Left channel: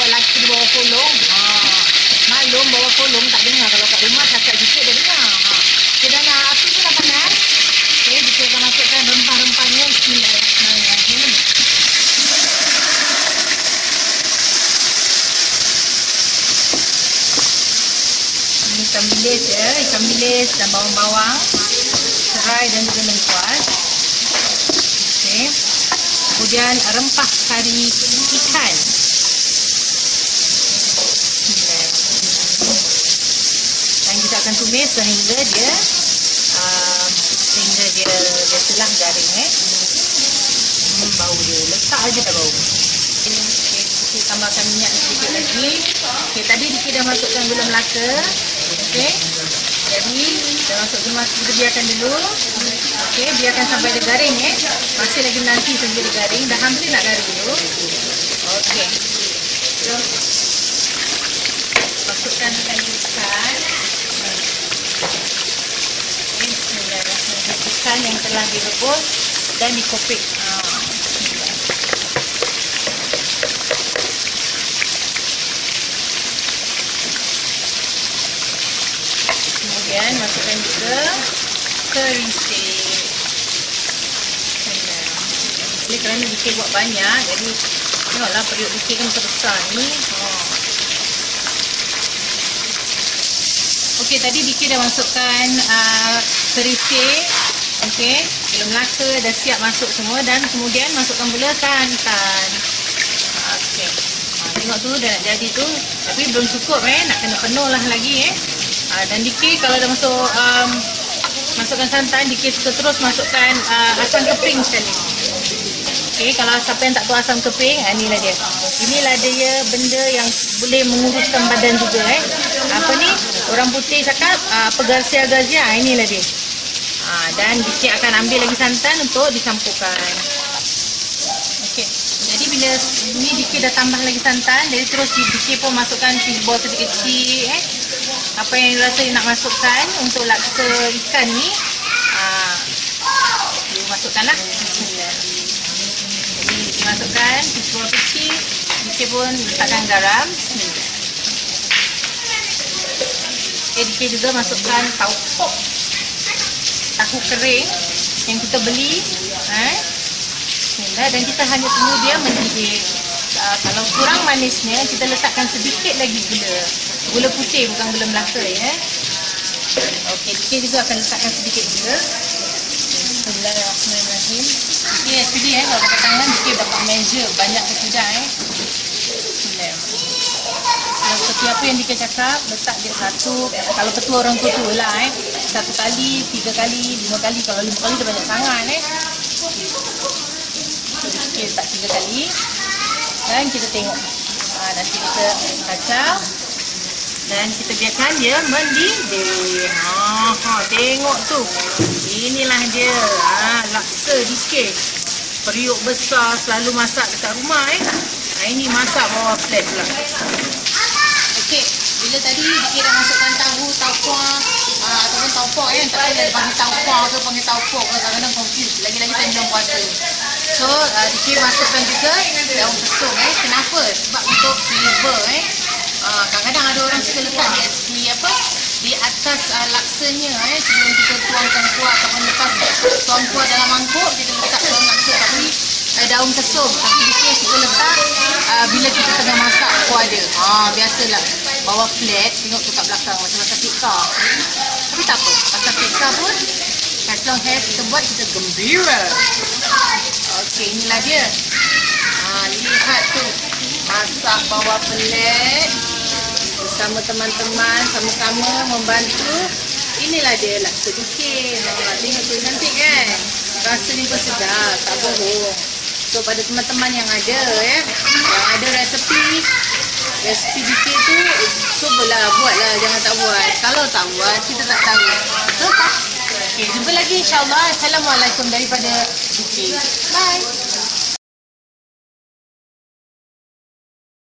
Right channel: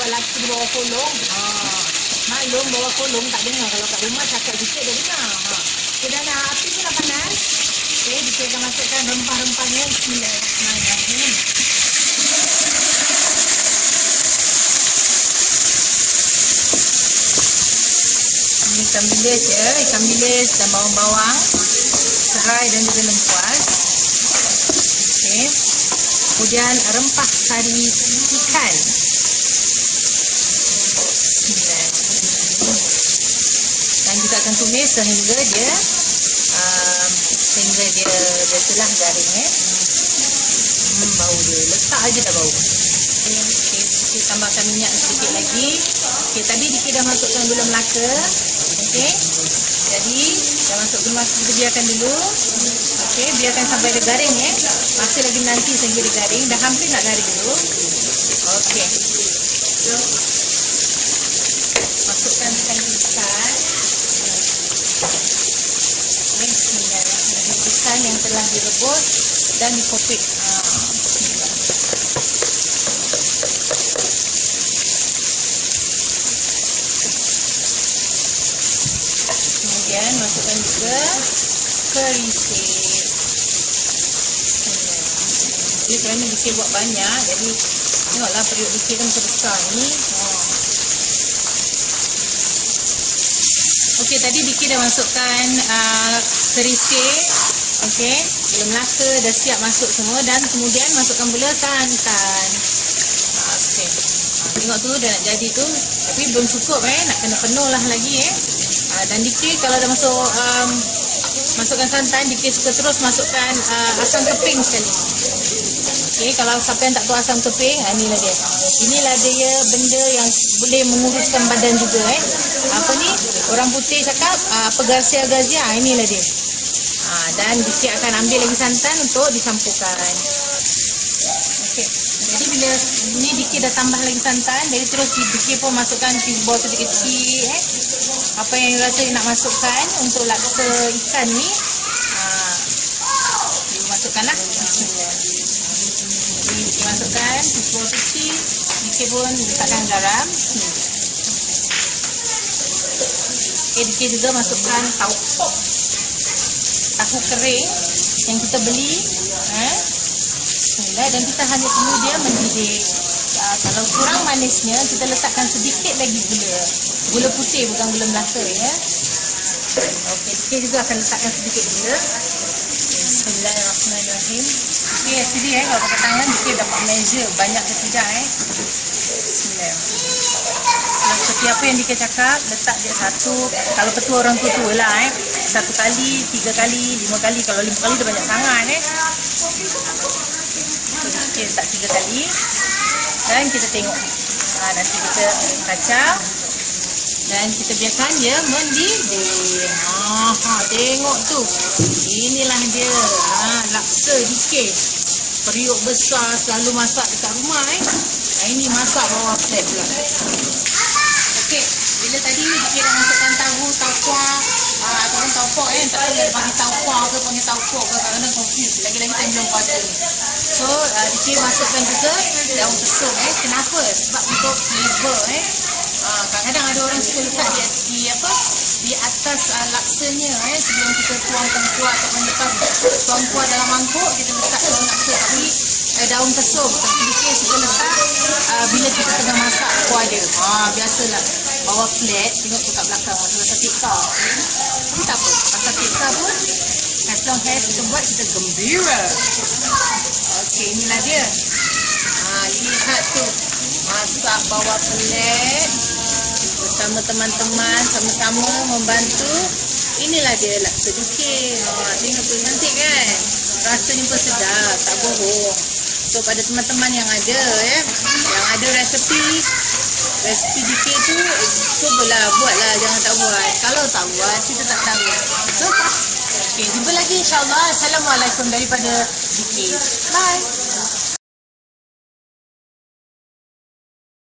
buat laksa di bawah kolong. Maklum bawah kolong tak dengar. Kalau kat rumah cakap sikit dah dengar. Okay, dan api pun dah panas. Okay, kita akan masukkan rempah-rempahnya. Bismillahirrahmanirrahim. Ini ikan bilis ya, ikan bilis dan bawang-bawang, serai dan juga lengkuas. Okay. Kemudian rempah kari ikan. Dan kita akan tumis sehingga dia biasalah garing bau dia, letak aja dah bau. Okay, kita tambahkan minyak sedikit lagi. Okay, tadi kita dah masukkan gula Melaka. Okay, jadi dah masuk gula Melaka, kita biarkan dulu. Okay, biarkan sampai dia garing masih lagi nanti sehingga dia garing. Dah hampir nak garing dulu. Okay, masukkan ikan. Ikan yang telah direbus dan dikopik. Kemudian masukkan juga kerisik. Oleh kerana dikir buat banyak, jadi tengoklah periuk dikir kan besar ni. Okey, tadi dikir dah masukkan kerisik. Okey, gula Melaka dah siap masuk semua dan kemudian masukkan pula santan. Okey. Tengok tu dah nak jadi tu, tapi belum cukup nak kena penuh lah lagi dan dikir kalau dah masuk masukkan santan, dikir suka terus masukkan asam keping sekali. Okey, kalau siapa yang tak tahu asam keping, inilah dia. Inilah dia benda yang boleh menguruskan badan juga Apa ni? Orang putih cakap pegasia-gazia, inilah dia. Dan dikir akan ambil lagi santan untuk dicampurkan. Okey. Jadi bila ni dikir dah tambah lagi santan, jadi terus dikir pun masukkan bol kecil-kecil apa yang rasa nak masukkan untuk laksa ikan ni. Masukkanlah. Bismillah. Jadi dikir masukkan bol kecil, dikir pun letakkan garam. Bismillah. Okay, dikir juga masukkan tahu kering yang kita beli. Dan kita hanya perlu dia mendidih. Kalau kurang manisnya, kita letakkan sedikit lagi gula putih, bukan gula Melaka Okey, dikir juga akan letakkan sedikit gula. Bismillahirrahmanirrahim. Okey, actually kalau pakai tangan dikir dapat measure banyak ke tidak Bismillahirrahmanirrahim. Seperti apa yang dikir cakap, letak dia satu. Kalau petua orang tua lah 1 kali, 3 kali, 5 kali. Kalau 5 kali dah banyak sangat So dikir letak 3 kali. Dan kita tengok nanti kita kacau dan kita biarkan dia mendidih. Tengok tu, inilah dia laksa dikir. Periuk besar selalu masak dekat rumah ini masak bawah flat pula. Okey, bila tadi dikir dah masukkan tahu, taukuah ataupun taupok tak tahu dia panggil taukuah ke panggil taupok ke, kadang-kadang confuse lagi-lagi time bulan puasa ni. So dikir masukkan juga daun kesum kenapa? Sebab untuk flavor kadang-kadang ada orang suka letak di atas laksanya sebelum kita tuangkan kuah ataupun lepas tuang kuah dalam mangkuk kita letak daun laksa, tapi daun kesum tapi dikir suka letak bila kita tengah masak kuah dia. Biasalah bawah flat, tengok tu kat belakang macam tikar, tapi tak apa, pasal tikar pun as long as kita buat kita gembira. Okey, inilah dia. Lihat tu, masak bawah flat bersama teman-teman, sama-sama membantu. Inilah dia laksa dikir. Tengok tu, cantik kan? Rasanya pun sedap, tak bohong. So pada teman-teman yang ada yang ada resepi dikir tu, cubalah buatlah, jangan tak buat. Kalau tak buat, kita tak tahu. So, okey, jumpa lagi insya-Allah. Assalamualaikum daripada dikir. Bye.